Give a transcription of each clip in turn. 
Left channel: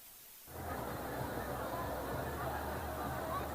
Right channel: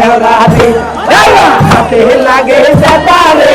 भला दे लागे सतारे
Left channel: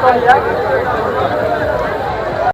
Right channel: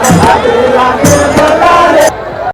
감사합니다.